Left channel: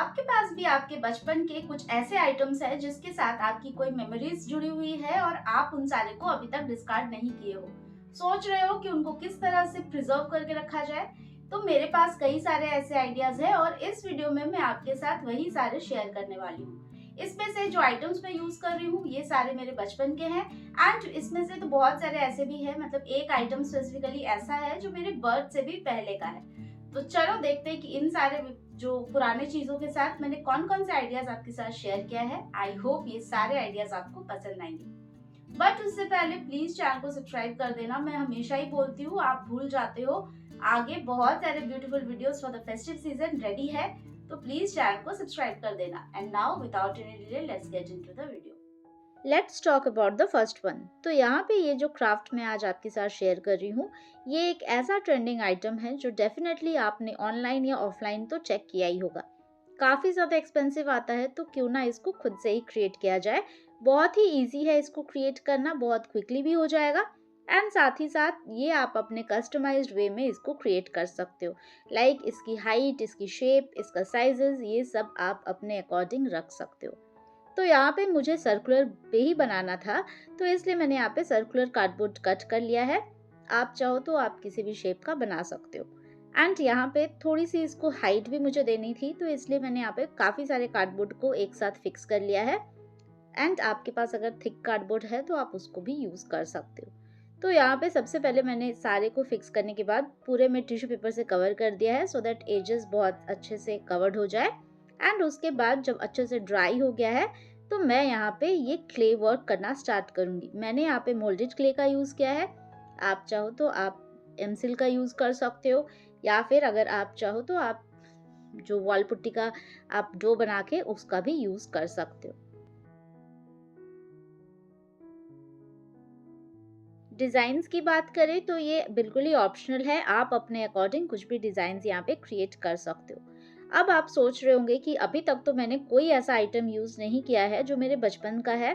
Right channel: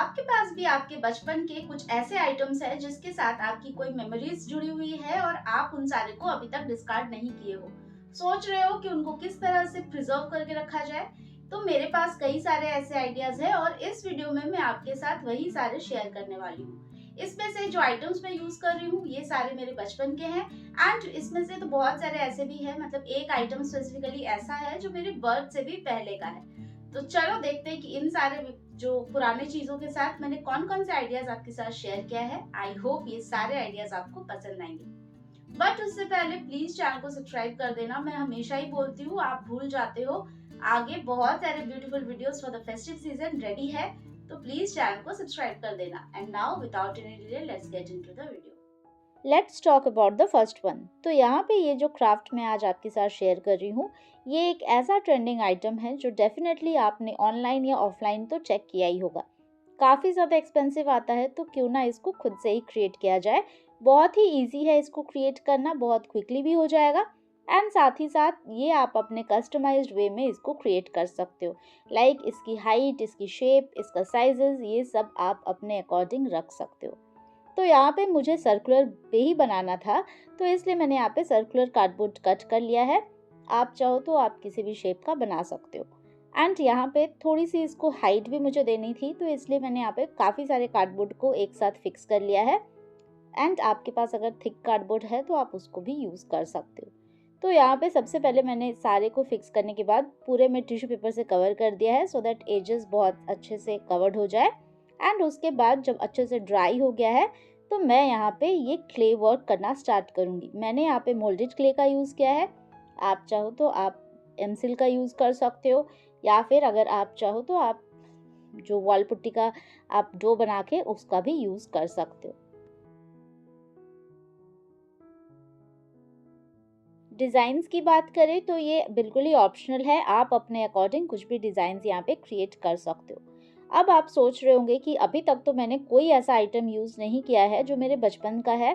आपके पास भी आपके बचपन के कुछ ऐसे आइटम्स हैं जिसके साथ आपकी कोई मेमोरीज जुड़ी हुई है और आप उन सारे को अभी तक डिस्कार्ड नहीं किए हो, सोच रहे हो कि उनको किस तरह से प्रिजर्व करके रखा जाए। तो मेरे पास कई सारे ऐसे आइडियाज हैं और इस वीडियो में मैं आपके साथ वही सारे शेयर करने वाली हूँ। इसमें से जो आइटम्स मैं यूज कर रही हूँ ये सारे मेरे बचपन के हैं। एंड इसमें से तो बहुत सारे ऐसे भी हैं, मतलब एक आइटम स्पेसिफिकली ऐसा है जो मेरे बर्थ से भी पहले का है। तो चलो देखते हैं कि इन सारे जो पुराने चीजों के साथ मैंने कौन कौन से आइडियाज आपके साथ शेयर किया है। आई होप ये सारे आइडियाज आपको पसंद आएंगे। बट उससे पहले प्लीज चैनल को सब्सक्राइब कर देना। मैं हमेशा ही बोलती हूँ, आप भूल जाते हो। आगे बहुत सारे beautiful videos for the festive season ready है, तो प्लीज चैनल को सब्सक्राइब कर देना। And now without any delay let's get into the video. Let's talk about the first one. तो यहाँ पे ये जो क्राफ्ट मैं आज आपके साथ शेयर कर रही हूँ, ये एक ऐसा ट्रेंडिंग आइटम है जो डेफिनेटली आपने ऑनलाइन या ऑफलाइन तो चेक किया ही होगा। काफ़ी ज़्यादा एक्सपेंसिव आता है, तो क्यों ना इसको खुद से ही क्रिएट किया जाए। बहुत ही ईजी है इसको क्रिएट करना, बहुत क्विकली भी हो जाएगा। एंड साथ ही साथ ये आप अपने कस्टमाइज्ड वे में इसको क्रिएट कर सकते हो। लाइक इसकी हाइट, इसकी शेप, इसका साइजेस, ये सब आप अपने अकॉर्डिंग रख सकते हो। तो यहाँ पे मुझे सर्कुलर पे ही बनाना था, तो इसलिए मैंने यहाँ पे सर्कुलर कार्डबोर्ड कट कर लिया है। आप चाहो तो आप किसी भी शेप का बना सकते हो। एंड यहाँ पे थोड़ी सी इसको हाइट भी मुझे देनी थी, तो इसलिए मैंने यहाँ पे काफ़ी सारे कार्डबोर्ड को एक साथ फिक्स कर लिया है। एंड आपके पास अगर थिक कार्डबोर्ड है तो आप उसको भी यूज़ कर सकते हो। तो यहाँ पे सबसे पहले मैंने सारे को फिक्स करने के बाद पूरे में टिश्यू पेपर से कवर कर दिया है, सो दैट एजेस बहुत अच्छे से कवर्ड हो जाए। एंड उसके बाद जब अच्छे से ड्राई हो गया है, तो मैं यहाँ पे ये क्ले वर्क करना स्टार्ट करूँगी। मैंने यहाँ पे मोल्डेड क्ले का यूज़ किया है। आप चाहो तो आप एमसिल का यूज़ कर सकते हो, या फिर अगर आप चाहो तो आप जो वॉल पुट्टी का आप डो बना के उसका भी यूज़ कर सकते हो। डिज़ाइंस की बात करें तो ये बिल्कुल ही ऑप्शनल है, आप अपने अकॉर्डिंग कुछ भी डिज़ाइंस यहाँ पे क्रिएट कर सकते हो। अब आप सोच रहे होंगे कि अभी तक तो मैंने कोई ऐसा आइटम यूज़ नहीं किया है जो मेरे बचपन का है,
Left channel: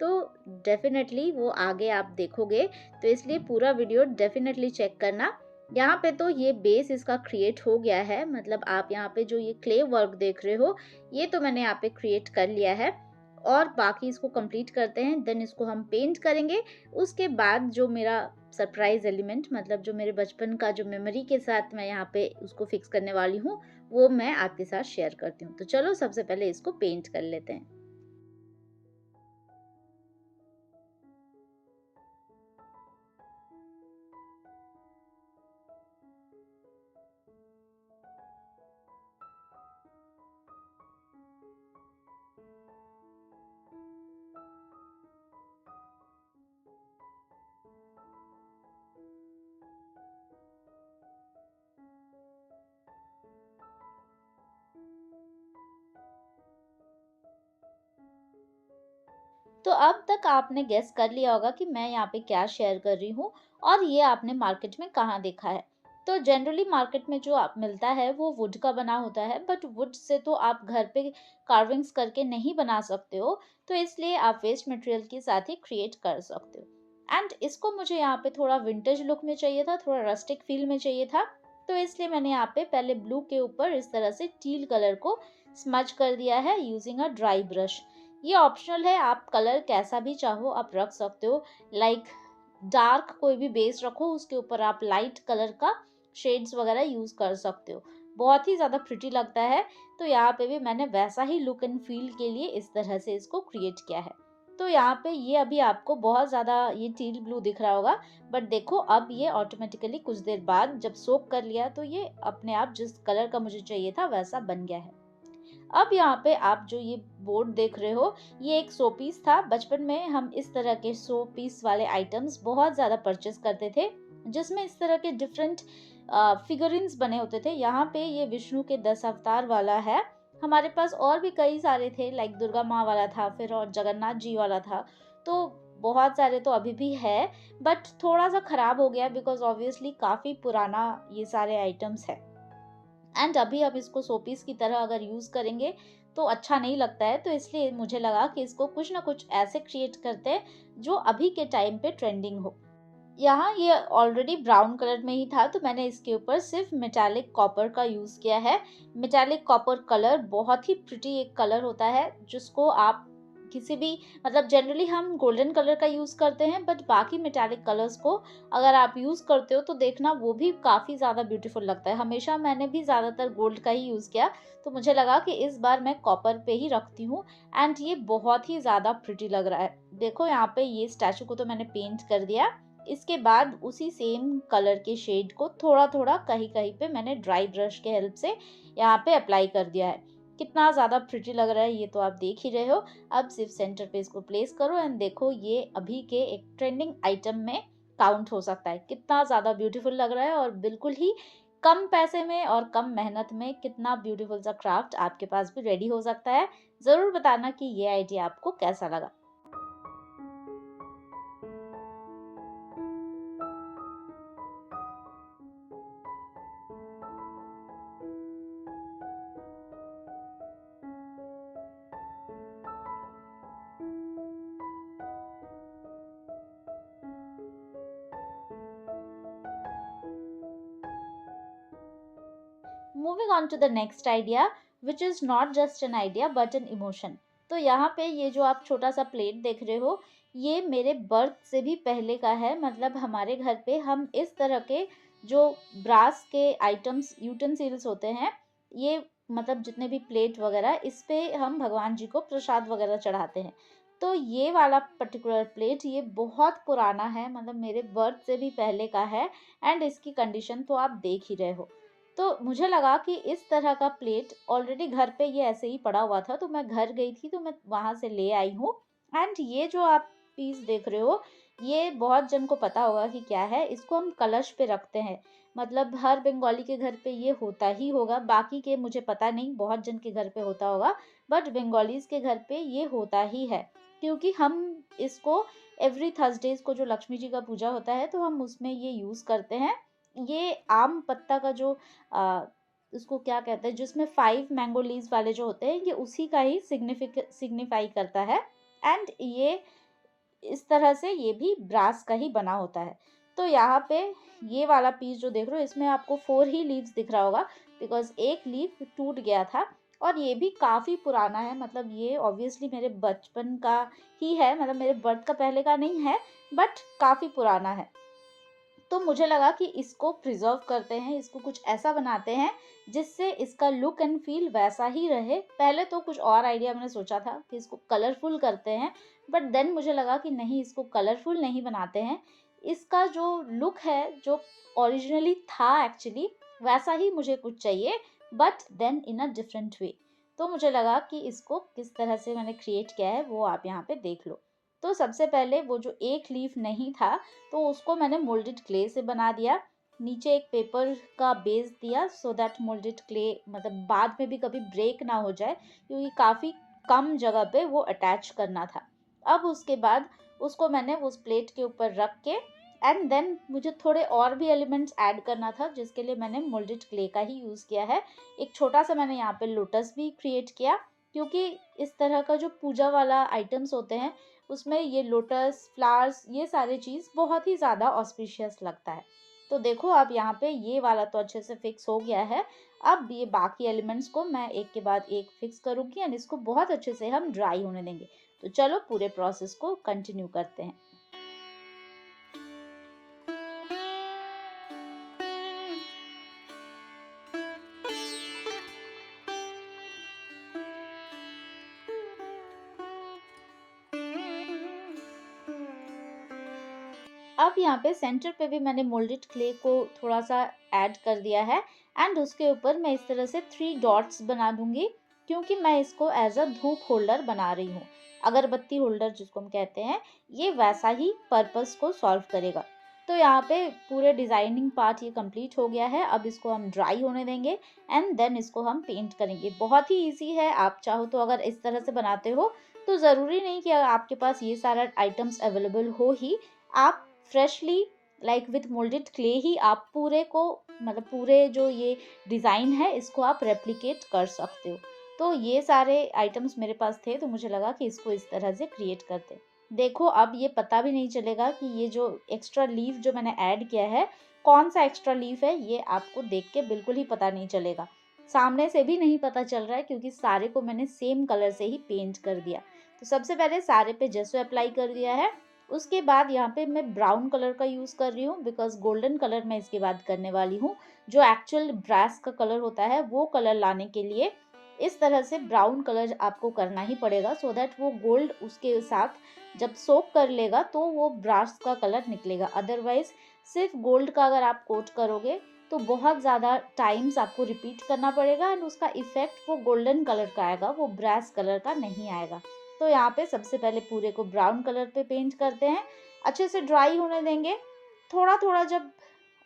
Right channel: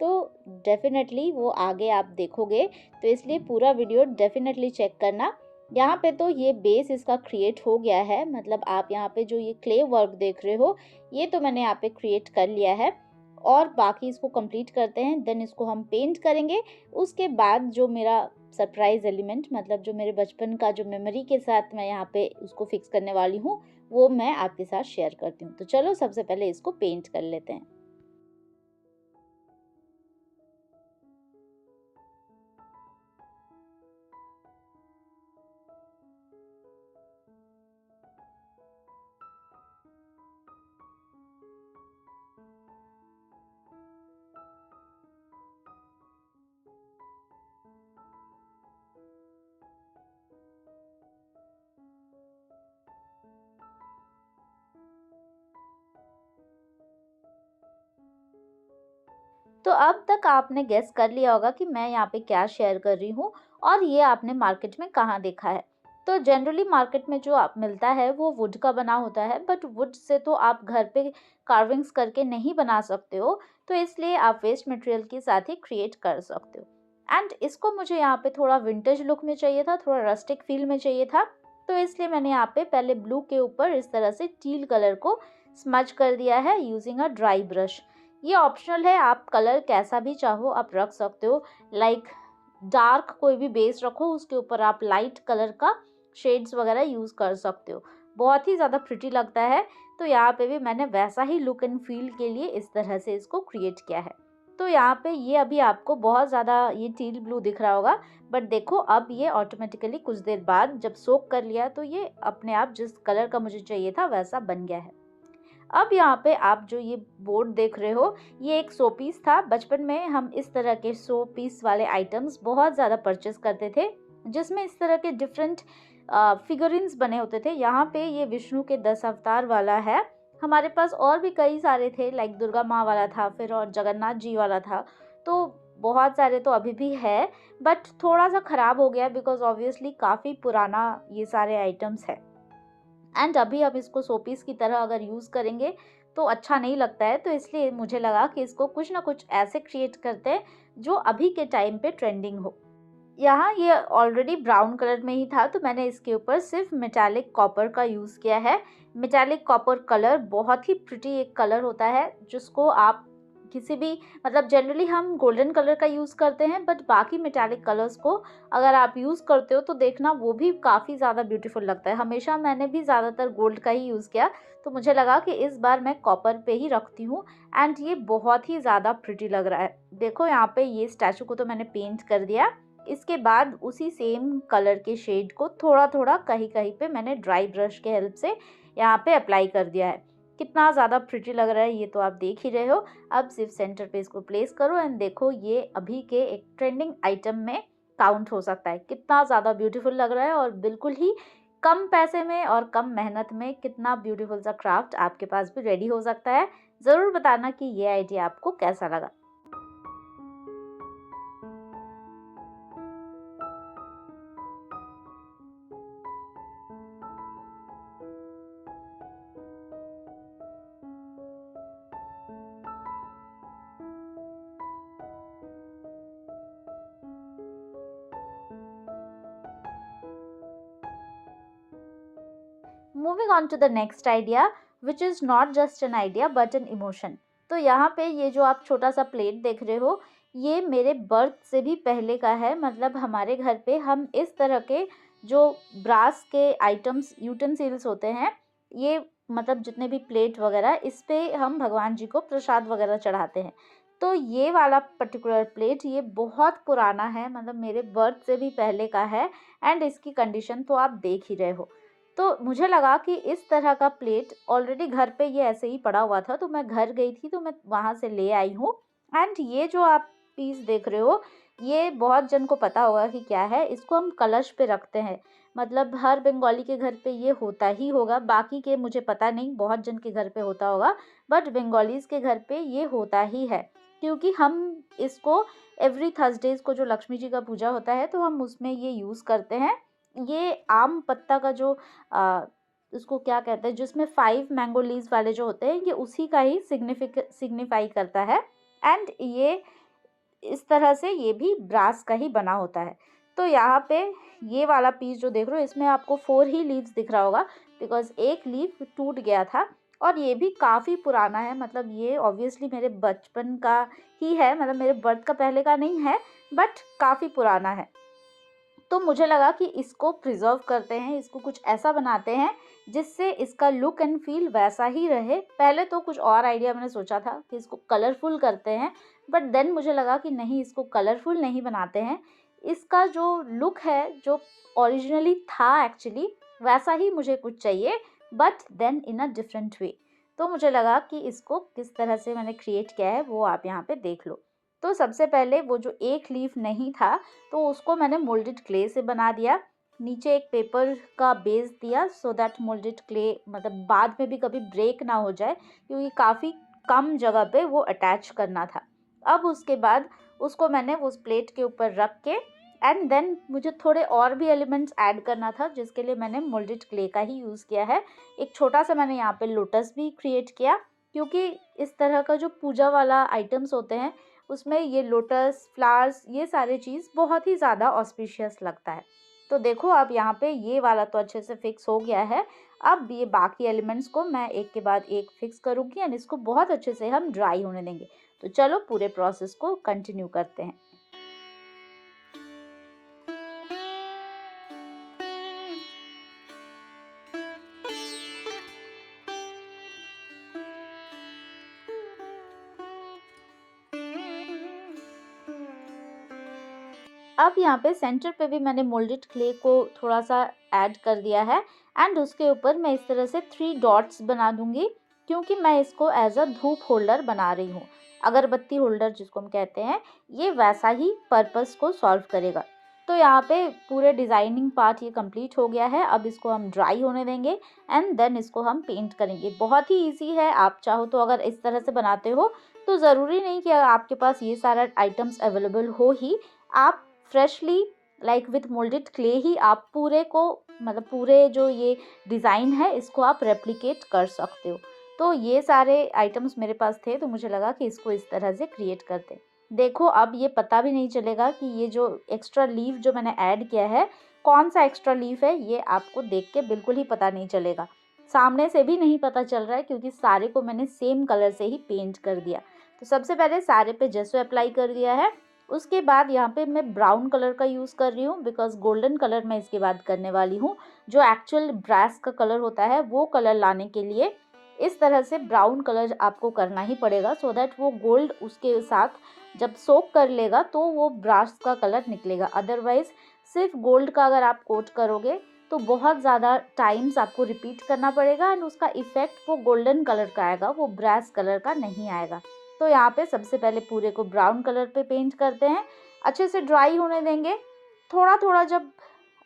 तो डेफिनेटली वो आगे आप देखोगे, तो इसलिए पूरा वीडियो डेफिनेटली चेक करना। यहाँ पे तो ये बेस इसका क्रिएट हो गया है, मतलब आप यहाँ पे जो ये क्ले वर्क देख रहे हो, ये तो मैंने यहाँ पे क्रिएट कर लिया है। और बाकी इसको कंप्लीट करते हैं, देन इसको हम पेंट करेंगे। उसके बाद जो मेरा सरप्राइज एलिमेंट, मतलब जो मेरे बचपन का जो मेमोरी के साथ मैं यहाँ पे उसको फिक्स करने वाली हूँ, वो मैं आपके साथ शेयर करती हूँ। तो चलो सबसे पहले इसको पेंट कर लेते हैं। तो अब तक आपने गेस कर लिया होगा कि मैं यहाँ पे क्या शेयर कर रही हूँ, और ये आपने मार्केट में कहाँ देखा है। तो जनरली मार्केट में जो आप मिलता है वो वुड का बना होता है, बट वुड से तो आप घर पे कार्विंग्स करके नहीं बना सकते हो, तो इसलिए आप वेस्ट मटेरियल के साथ ही क्रिएट कर सकते हो। एंड इसको मुझे यहाँ पे थोड़ा विंटेज लुक में चाहिए था, थोड़ा रस्टिक फील में चाहिए था, तो इसलिए मैंने यहाँ पे पहले ब्लू के ऊपर इस तरह से टील कलर को स्मज कर दिया है यूजिंग अ ड्राई ब्रश। ये ऑप्शनल है, आप कलर कैसा भी चाहो आप रख सकते हो। लाइक डार्क कोई भी बेस रखो, उसके ऊपर आप लाइट कलर का शेड्स वगैरह यूज़ कर सकते हो, बहुत ही ज़्यादा प्रिटी लगता है। तो यहाँ पे भी मैंने वैसा ही लुक एंड फील के लिए इस तरह से इसको क्रिएट किया है। तो यहाँ पे ये अभी आपको बहुत ज़्यादा ये टील ब्लू दिख रहा होगा, बट देखो अब ये ऑटोमेटिकली कुछ देर बाद जब सोक कर लिया तो ये अपने आप जिस कलर का मुझे चाहिए था वैसा बन गया है। अब यहाँ पे आप जो ये बोर्ड देख रहे हो, ये एक शो पीस था। बचपन में हम इस तरह के शो पीस वाले आइटम्स बहुत ज़्यादा परचेस करते थे, जिसमें इस तरह के डिफरेंट फिगरिन्स बने होते थे। यहाँ पे ये विष्णु के 10 अवतार वाला है। हमारे पास और भी कई सारे थे, लाइक दुर्गा माँ वाला था, फिर और जगन्नाथ जी वाला था। तो बहुत सारे तो अभी भी है, बट थोड़ा सा ख़राब हो गया बिकॉज ऑब्वियसली काफ़ी पुराना ये सारे आइटम्स है। एंड अभी हम इसको शोपीस की तरह अगर यूज़ करेंगे तो अच्छा नहीं लगता है, तो इसलिए मुझे लगा कि इसको कुछ ना कुछ ऐसे क्रिएट करते हैं जो अभी के टाइम पे ट्रेंडिंग हो। यहाँ ये ऑलरेडी ब्राउन कलर में ही था, तो मैंने इसके ऊपर सिर्फ मेटालिक कॉपर का यूज़ किया है। मेटालिक कॉपर कलर बहुत ही प्रिटी एक कलर होता है, जिसको आप किसी भी मतलब जनरली हम गोल्डन कलर का यूज़ करते हैं, बट बाकी मेटालिक कलर्स को अगर आप यूज़ करते हो तो देखना वो भी काफ़ी ज़्यादा ब्यूटीफुल लगता है। हमेशा मैंने भी ज़्यादातर गोल्ड का ही यूज़ किया, तो मुझे लगा कि इस बार मैं कॉपर पे ही रखती हूँ एंड ये बहुत ही ज़्यादा प्रिटी लग रहा है। देखो यहाँ पे ये स्टैचू को तो मैंने पेंट कर दिया। इसके बाद उसी सेम कलर के शेड को थोड़ा-थोड़ा कहीं-कहीं पे मैंने ड्राई ब्रश के हेल्प से यहाँ पे अप्लाई कर दिया है। कितना ज़्यादा प्रिटी लग रहा है ये तो आप देख ही रहे हो। अब सिर्फ सेंटर पे इसको प्लेस करो एंड देखो ये अभी के एक ट्रेंडिंग आइटम में काउंट हो सकता है। कितना ज़्यादा ब्यूटीफुल लग रहा है और बिल्कुल ही कम पैसे में और कम मेहनत में कितना ब्यूटीफुल सा क्राफ्ट आपके पास भी रेडी हो सकता है। ज़रूर बताना कि ये आइडिया आपको कैसा लगा। Moving on to the next idea which is not just an idea but an emotion. तो यहाँ पे ये जो आप छोटा सा प्लेट देख रहे हो, ये मेरे बर्थ से भी पहले का है। मतलब हमारे घर पे हम इस तरह के जो ब्रास के आइटम्स यूटेंसिल्स होते हैं, ये मतलब जितने भी प्लेट वगैरह इस पे हम भगवान जी को प्रसाद वगैरह चढ़ाते हैं। तो ये वाला पर्टिकुलर प्लेट ये बहुत पुराना है, मतलब मेरे बर्थ से भी पहले का है एंड इसकी कंडीशन तो आप देख ही रहे हो। तो मुझे लगा कि इस तरह का प्लेट ऑलरेडी घर पे ये ऐसे ही पड़ा हुआ था, तो मैं घर गई थी तो मैं वहाँ से ले आई हूँ एंड ये जो आप पीस देख रहे हो, ये बहुत जन को पता होगा कि क्या है। इसको हम कलश पे रखते हैं, मतलब हर बंगाली के घर पे ये होता ही होगा, बाकी के मुझे पता नहीं, बहुत जन के घर पे होता होगा, बट बंगालीज़ के घर पे ये होता ही है। क्योंकि हम इसको एवरी थर्सडेज़ को जो लक्ष्मी जी का पूजा होता है, तो हम उसमें ये यूज़ करते हैं। ये आम पत्ता का जो उसको क्या कहते हैं, जिसमें 5 मैंगो लीव्स वाले जो होते हैं, ये उसी का ही सिग्निफाई करता है एंड ये इस तरह से ये भी ब्रास का ही बना होता है। तो यहाँ पे ये वाला पीस जो देख रहे हो, इसमें आपको 4 ही लीव्स दिख रहा होगा बिकॉज़ एक लीफ टूट गया था और ये भी काफ़ी पुराना है। मतलब ये ऑब्वियसली मेरे बचपन का ही है, मतलब मेरे बर्थ का पहले का नहीं है, बट काफ़ी पुराना है। तो मुझे लगा कि इसको प्रिज़र्व करते हैं, इसको कुछ ऐसा बनाते हैं जिससे इसका लुक एंड फ़ील वैसा ही रहे। पहले तो कुछ और आइडिया मैंने सोचा था कि इसको कलरफुल करते हैं, बट देन मुझे लगा कि नहीं, इसको कलरफुल नहीं बनाते हैं। इसका जो लुक है, जो ओरिजिनली था एक्चुअली, वैसा ही मुझे कुछ चाहिए, but then in a different way. तो मुझे लगा कि इसको किस तरह से मैंने क्रिएट किया है वो आप यहाँ पे देख लो। तो सबसे पहले वो जो एक लीफ नहीं था, तो उसको मैंने मोल्डेड क्ले से बना दिया। नीचे एक पेपर का बेस दिया सो दैट मोल्डेड क्ले मतलब बाद में भी कभी ब्रेक ना हो जाए, क्योंकि काफ़ी कम जगह पे वो अटैच करना था। अब उसके बाद उसको मैंने उस प्लेट के ऊपर रख के एंड देन मुझे थोड़े और भी एलिमेंट्स ऐड करना था, जिसके लिए मैंने मोल्डेड क्ले का ही यूज़ किया है। एक छोटा सा मैंने यहाँ पे लोटस भी क्रिएट किया, क्योंकि इस तरह का जो पूजा वाला आइटम्स होते हैं, उसमें ये लोटस, फ्लावर्स, ये सारी चीज़ बहुत ही ज़्यादा ऑस्पिशियस लगता है। तो देखो अब यहाँ पे ये वाला तो अच्छे से फिक्स हो गया है। अब ये बाकी एलिमेंट्स को मैं एक के बाद एक फिक्स करूँगी एंड इसको बहुत अच्छे से हम ड्राई होने देंगे। तो चलो पूरे प्रोसेस को कंटिन्यू करते हैं। अब यहाँ पे सेंटर पे भी मैंने मोल्डेड क्ले को थोड़ा सा ऐड कर दिया है एंड उसके ऊपर मैं इस तरह से 3 डॉट्स बना दूंगी, क्योंकि मैं इसको एज अ धूप होल्डर बना रही हूँ। अगरबत्ती होल्डर जिसको हम कहते हैं, ये वैसा ही पर्पस को सॉल्व करेगा। तो यहाँ पे पूरे डिज़ाइनिंग पार्ट ये कंप्लीट हो गया है। अब इसको हम ड्राई होने देंगे एंड देन इसको हम पेंट करेंगे। बहुत ही ईजी है, आप चाहो तो अगर इस तरह से बनाते हो तो ज़रूरी नहीं कि आपके पास ये सारा आइटम्स अवेलेबल हो ही। आप freshly like with moulded clay ही आप पूरे को मतलब पूरे जो ये डिज़ाइन है इसको आप रेप्लिकेट कर सकते हो। तो ये सारे आइटम्स मेरे पास थे, तो मुझे लगा कि इसको इस तरह से क्रिएट करते हैं। देखो अब ये पता भी नहीं चलेगा कि ये जो एक्स्ट्रा लीफ जो मैंने ऐड किया है, कौन सा एक्स्ट्रा लीफ है, ये आपको देख के बिल्कुल ही पता नहीं चलेगा। सामने से भी नहीं पता चल रहा है क्योंकि सारे को मैंने सेम कलर से ही पेंट कर दिया। तो सबसे पहले सारे पे जेसो अप्लाई कर दिया है। उसके बाद यहाँ पे मैं ब्राउन कलर का यूज़ कर रही हूँ बिकॉज़ गोल्डन कलर मैं इसके बाद करने वाली हूँ। जो एक्चुअल ब्रास का कलर होता है वो कलर लाने के लिए इस तरह से ब्राउन कलर आपको करना ही पड़ेगा सो दैट वो गोल्ड उसके साथ जब सोक कर लेगा तो वो ब्रास का कलर निकलेगा। अदरवाइज सिर्फ गोल्ड का अगर आप कोट करोगे तो बहुत ज़्यादा टाइम्स आपको रिपीट करना पड़ेगा एंड उसका इफ़ेक्ट वो गोल्डन कलर का आएगा, वो ब्रास कलर का नहीं आएगा। तो यहाँ पे सबसे पहले पूरे को ब्राउन कलर पे पेंट करते हैं, अच्छे से ड्राई होने देंगे। थोड़ा थोड़ा जब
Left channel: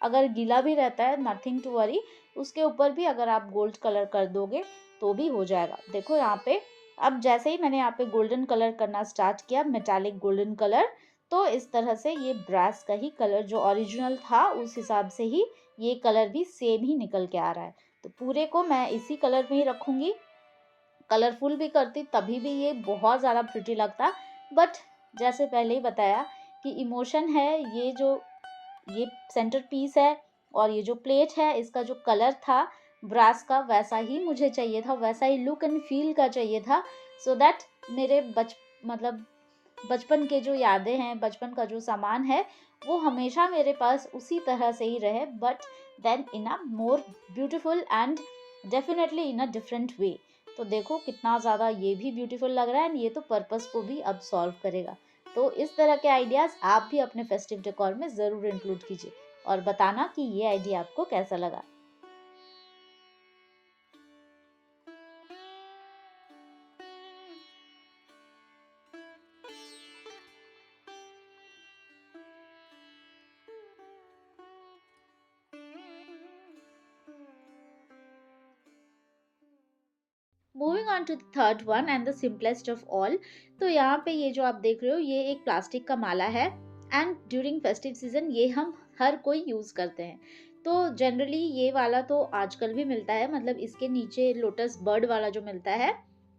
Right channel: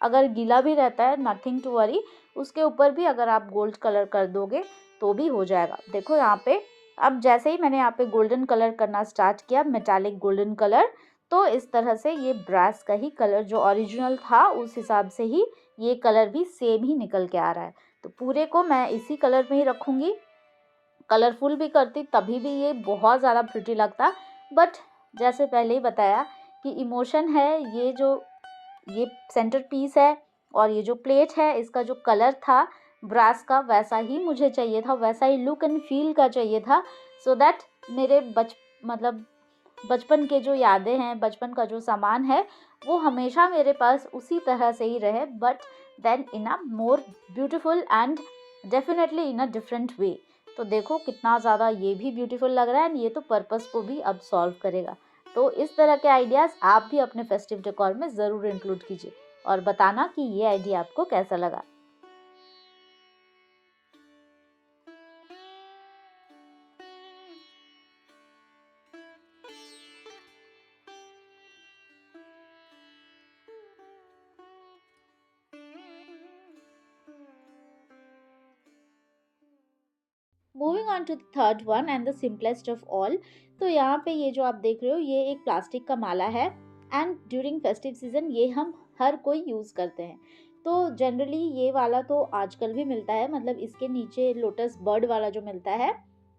अगर गीला भी रहता है नथिंग टू वरी, उसके ऊपर भी अगर आप गोल्ड कलर कर दोगे तो भी हो जाएगा। देखो यहाँ पे अब जैसे ही मैंने यहाँ पे गोल्डन कलर करना स्टार्ट किया, मेटालिक गोल्डन कलर, तो इस तरह से ये ब्रास का ही कलर जो ओरिजिनल था उस हिसाब से ही ये कलर भी सेम ही निकल के आ रहा है। तो पूरे को मैं इसी कलर में ही रखूँगी। कलरफुल भी करती तभी भी ये बहुत ज़्यादा प्रिटी लगता, बट जैसे पहले ही बताया कि इमोशन है, ये सेंटर पीस है और ये जो प्लेट है इसका जो कलर था ब्रास का वैसा ही मुझे चाहिए था, वैसा ही लुक एंड फील का चाहिए था सो दैट मेरे मतलब बचपन के जो यादें हैं, बचपन का जो सामान है वो हमेशा मेरे पास उसी तरह से ही रहे, but then in a more beautiful and definitely in a different way. तो देखो कितना ज़्यादा ये भी ब्यूटीफुल लग रहा है एंड ये तो पर्पस को भी अब सॉल्व करेगा। तो इस तरह के आइडियाज़ आप भी अपने फेस्टिव डेकोर में ज़रूर इंक्लूड कीजिए और बताना कि ये आइडिया आपको कैसा लगा। Moving on to the third one and the simplest of all. तो यहाँ पे ये जो आप देख रहे हो ये एक प्लास्टिक का माला है एंड ड्यूरिंग फेस्टिव सीजन ये हम हर कोई यूज़ करते हैं। तो जनरली ये वाला तो आजकल भी मिलता है, मतलब इसके नीचे लोटस बर्ड वाला जो मिलता है,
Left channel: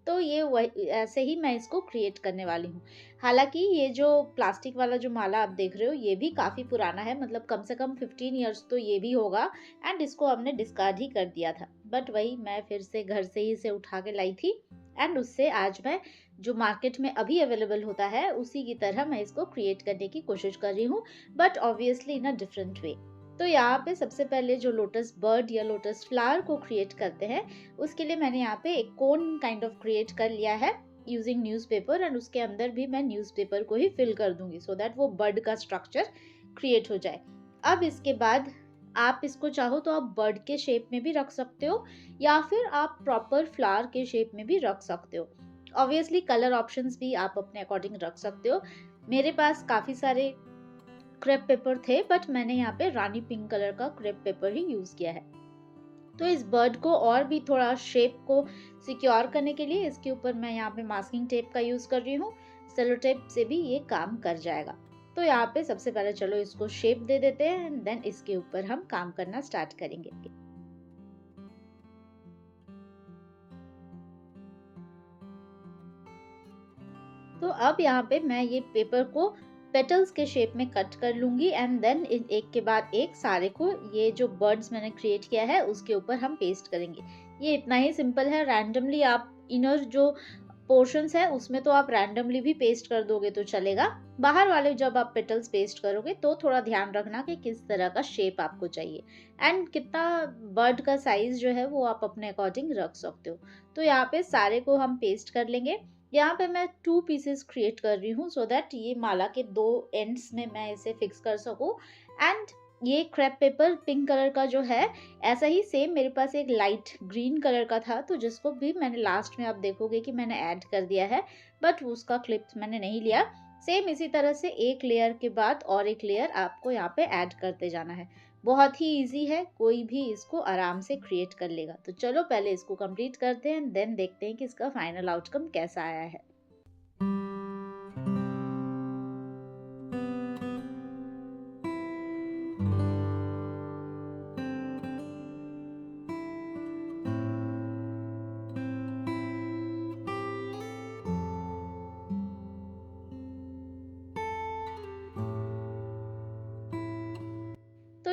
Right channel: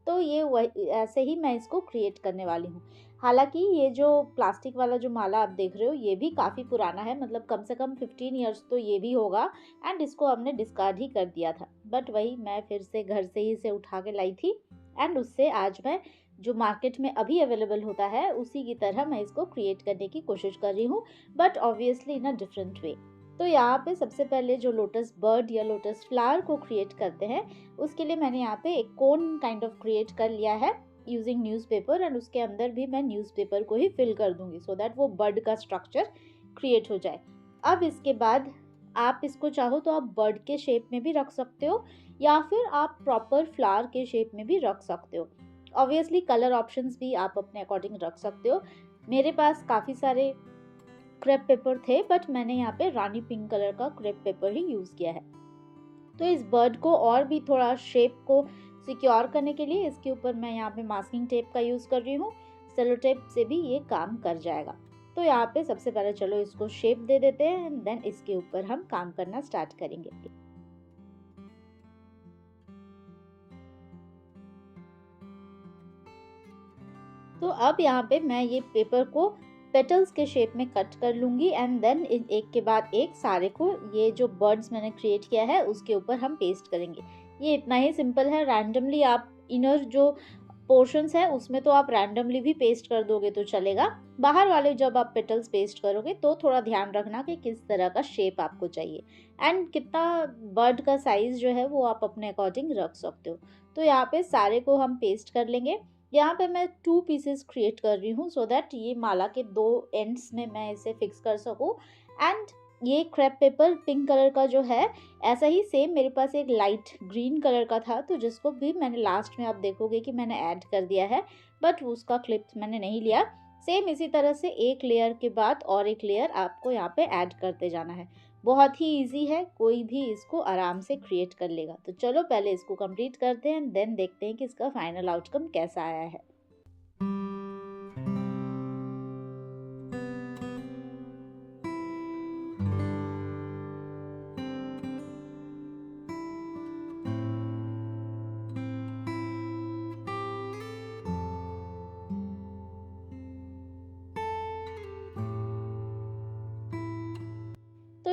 तो ये वही ऐसे ही मैं इसको क्रिएट करने वाली हूँ। हालांकि ये जो प्लास्टिक वाला जो माला आप देख रहे हो ये भी काफ़ी पुराना है, मतलब कम से कम 15 ईयर्स तो ये भी होगा एंड इसको हमने डिस्कार्ड ही कर दिया था, बट वही मैं फिर से घर से ही इसे उठा के लाई थी एंड उससे आज मैं जो मार्केट में अभी अवेलेबल होता है उसी की तरह मैं इसको क्रिएट करने की कोशिश कर रही हूँ, but obviously in a different way. तो यहाँ पे सबसे पहले जो लोटस बर्ड या लोटस फ्लावर को क्रिएट करते हैं उसके लिए मैंने यहाँ पे एक कोन काइंड ऑफ क्रिएट कर लिया है यूजिंग न्यूज़पेपर एंड उसके अंदर भी मैं न्यूज़पेपर को ही फिल कर दूंगी सो दैट वो बर्ड का स्ट्रक्चर क्रिएट हो जाए। अब इसके बाद आप इसको चाहो तो आप बर्ड के शेप में भी रख सकते हो या फिर आप प्रॉपर फ्लावर के शेप में भी रख सकते हो। ऑब्वियसली कलर ऑप्शंस भी आप अपने अकॉर्डिंग रख सकते हो। मेरे पास काफ़ी सारे क्रेप पेपर थे बट मैंने यहाँ पे रानी पिंक कलर का क्रेप पेपर ही यूज़ किया है। तो इस बर्ड को और भी थोड़ा शेप को सिक्योर करने के लिए इसके ऊपर मैं यहाँ पे मास्किंग टेप का यूज़ कर रही हूँ। सेलो टेप से भी ये काम कर जाएगा। तो यहाँ पे सबसे पहले चलो इसको शेप दे देते हैं एंड देन इसके ऊपर हम काम करना स्टार्ट करेंगे। तो अब यहाँ पे मैं ये पेपर को पेटल्स के शेप में कट कर लूँगी एंड देन एक के बाद एक सारे को ये जो बर्ड्स मैंने क्रिएट किया है उसके ऊपर हम पेस्ट करेंगे। ये इतना ही सिंपल है। रैंडमली आप इनर जो पोर्शंस है उसमें तो आप रैंडमली भी पेस्ट कर दोगे तो चलेगा। बाहर वाले जब आप पेटल्स पेस्ट करोगे तो थोड़ा ध्यान रखना कि किस तरह का शेप आपको चाहिए एंड कितना बर्ड का साइज जो है वो आप अपने अकॉर्डिंग रख सकते हो। तो यहाँ पे सारे को हम पेस्ट कर लेंगे। यहाँ पे मैं 2 पीसेस क्रिएट कर रही हूँ सो दैट ये माला के 2 एंड्स में मैं इसे फिक्स कर सकूँ एंड ये क्रेप पेपर पिंक कलर का जो है ऐसा ही सेम मेरे पास एक लाइट ग्रीन कलर का था तो जिसको भी मैंने लास्ट में आप देखोगे कि मैंने ऐड कर दिया है बट उसका क्लिप मैंने नहीं लिया। सेम इसी तरह से एक लेयर के बाद और एक लेयर आपको यहाँ पे ऐड करते जाना है। बहुत ही इजी है, कोई भी इसको आराम से क्रिएट कर लेगा। तो चलो पहले इसको कंप्लीट करते हैं देन देखते हैं कि इसका फाइनल आउटकम कैसा आया है।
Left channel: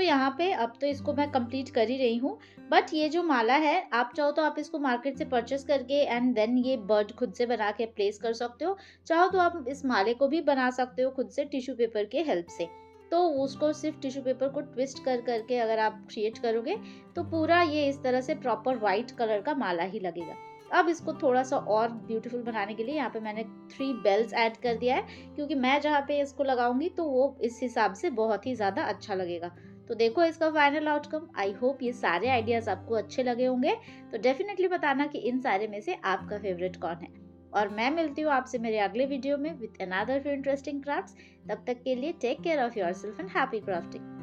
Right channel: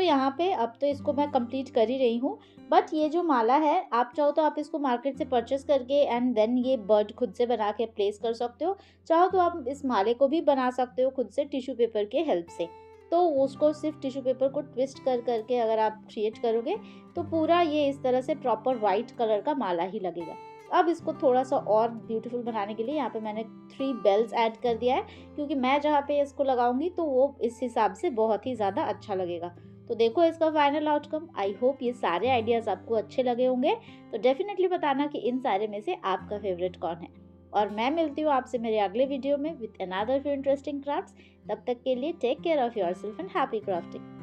यहाँ पे अब तो इसको मैं कंप्लीट कर ही रही हूँ। बट ये जो माला है, आप चाहो तो आप इसको मार्केट से परचेस करके एंड देन ये बर्ड खुद से बना के प्लेस कर सकते हो। चाहो तो आप इस माले को भी बना सकते हो खुद से टिश्यू पेपर के हेल्प से। तो उसको सिर्फ टिश्यू पेपर को ट्विस्ट कर करके अगर आप क्रिएट करोगे तो पूरा ये इस तरह से प्रॉपर वाइट कलर का माला ही लगेगा। अब इसको थोड़ा सा और ब्यूटीफुल बनाने के लिए यहाँ पे मैंने 3 बेल्स ऐड कर दिया है, क्योंकि मैं जहाँ पे इसको लगाऊंगी तो वो इस हिसाब से बहुत ही ज़्यादा अच्छा लगेगा। तो देखो इसका फाइनल आउटकम। आई होप ये सारे आइडियाज़ आपको अच्छे लगे होंगे। तो डेफिनेटली बताना कि इन सारे में से आपका फेवरेट कौन है। और मैं मिलती हूँ आपसे मेरे अगले वीडियो में विद अनदर इंटरेस्टिंग क्राफ्ट्स। तब तक के लिए take care of yourself and happy crafting.